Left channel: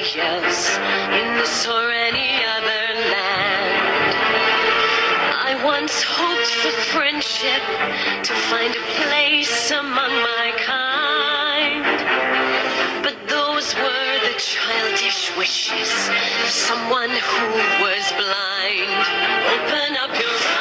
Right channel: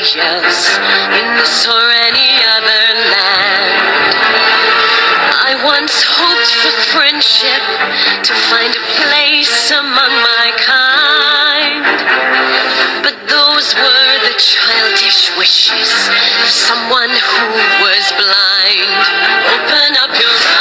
else in this or any other land. I once hoped for friendship, to find a place among my kind, but those were the childish wishes of someone who was blind. Open up your eyes.